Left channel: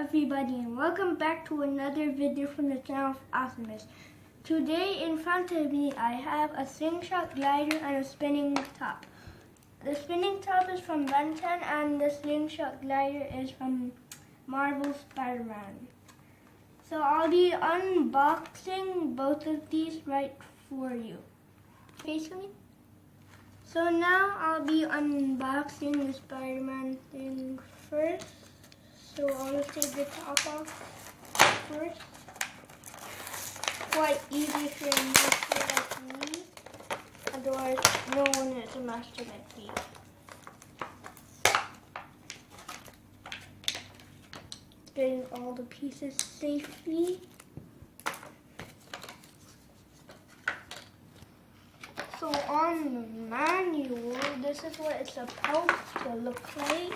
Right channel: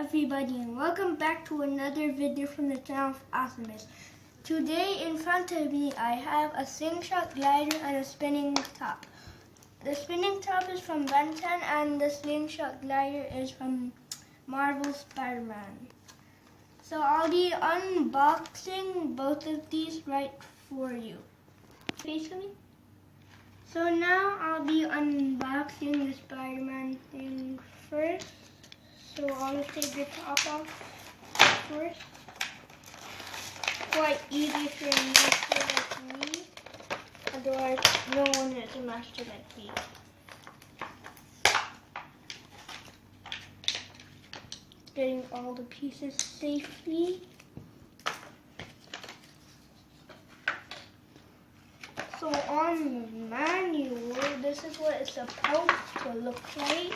everybody, and welcome back to another video from the channel of Awesomeness. Today in front of me I have a slingshot glider and a spinning top. The spinning top is from Ben 10 and the slingshot glider is from Marvel Spider-Man. So I'll be unboxing both of these right for you. Face me. So now I'll be unboxing the Spider-Man thing first. So I'll just take the top off first. Quite easy for a master like me. Otherwise, no one is a master like me. Getting all the pieces safely. So on the manual, this is what it's supposed to look like.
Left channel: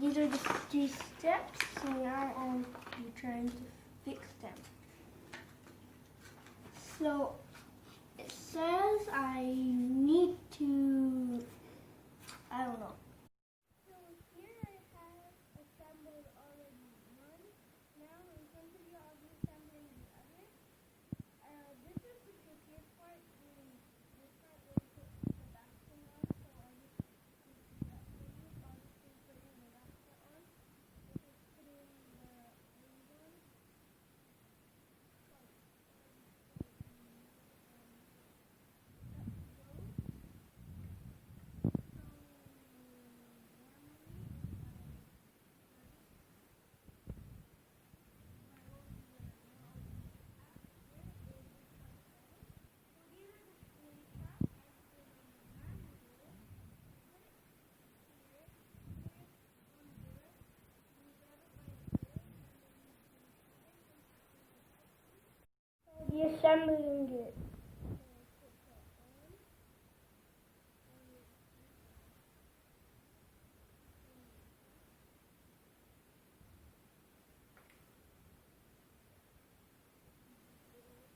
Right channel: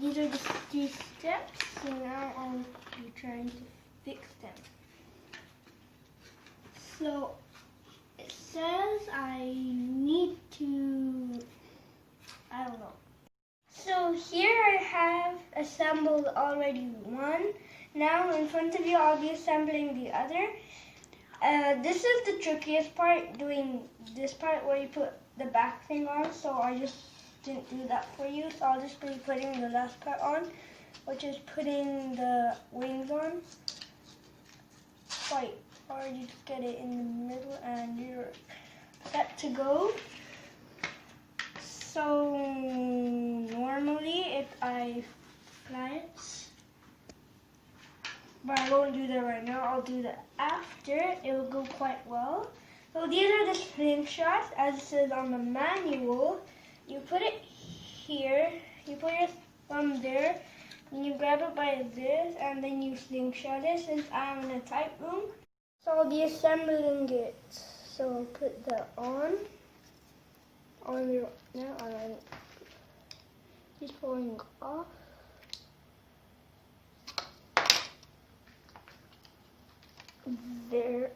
These are the 3 steps, so now I'll be trying to fix them. So it says I need to, I don't know. So here I have assembled already one. Now in front of you I'll be assembling the other. This is the trickiest part, doing this part where you put the back thing on, so I just didn't do that for you, so I'll just be putting the last part on, which is putting the wings on. Quite hard, you just get it in the middle and you're set to go. So normally if I fly it, but I won't do that right now, I'll do that after, it will go quite well. So these are the slingshots, as it says on the manual. You put it here, you put your thumb there, and you grab it by this, and then you slingshot it. Since I'm in a tight room, so I'll be assembling it. So I'll put that on the, now on, he's pulling off. There,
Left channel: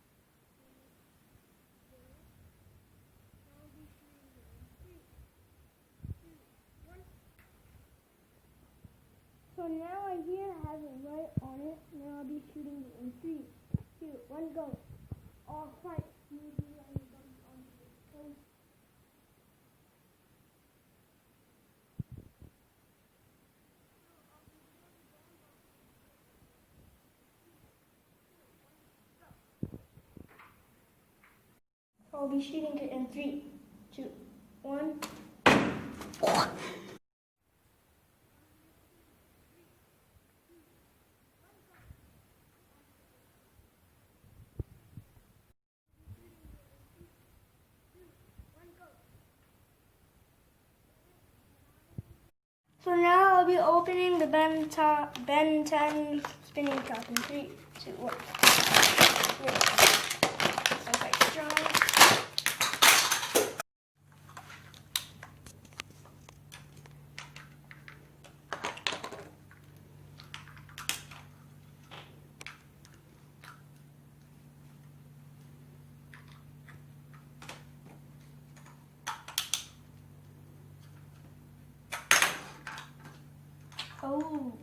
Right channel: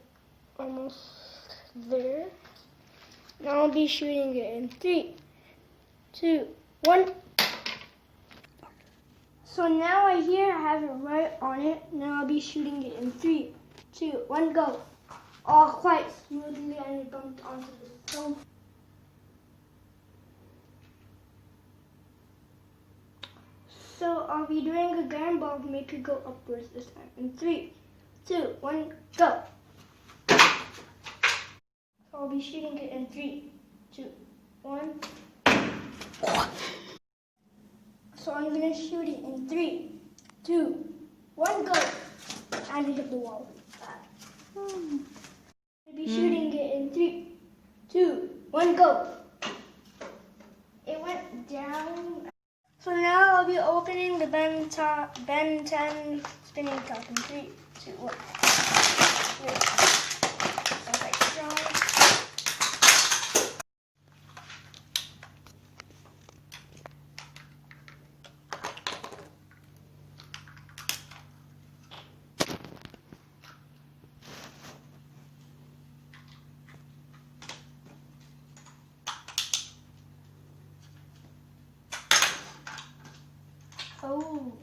almost there. Now I'll be shooting it in 3, 2, 1. So now I have it right on it. Now I'll be shooting it in 3, 2, 1, go. All quite smoothly, and it bumped onto the stone. So I'll be doing a gun ball to make it go upwards this time. In 3, 2, 1, go. I'll be shooting it in 3, 2, 1. So I'm gonna shoot it in 3, 2, 1, go. And it hit the wall. I'll be shooting it in 3, 2, 1, go. It went down. So now I'll be opening the Ben 10 spinning top in 3, 2, 1. Sounds like strong. Oh.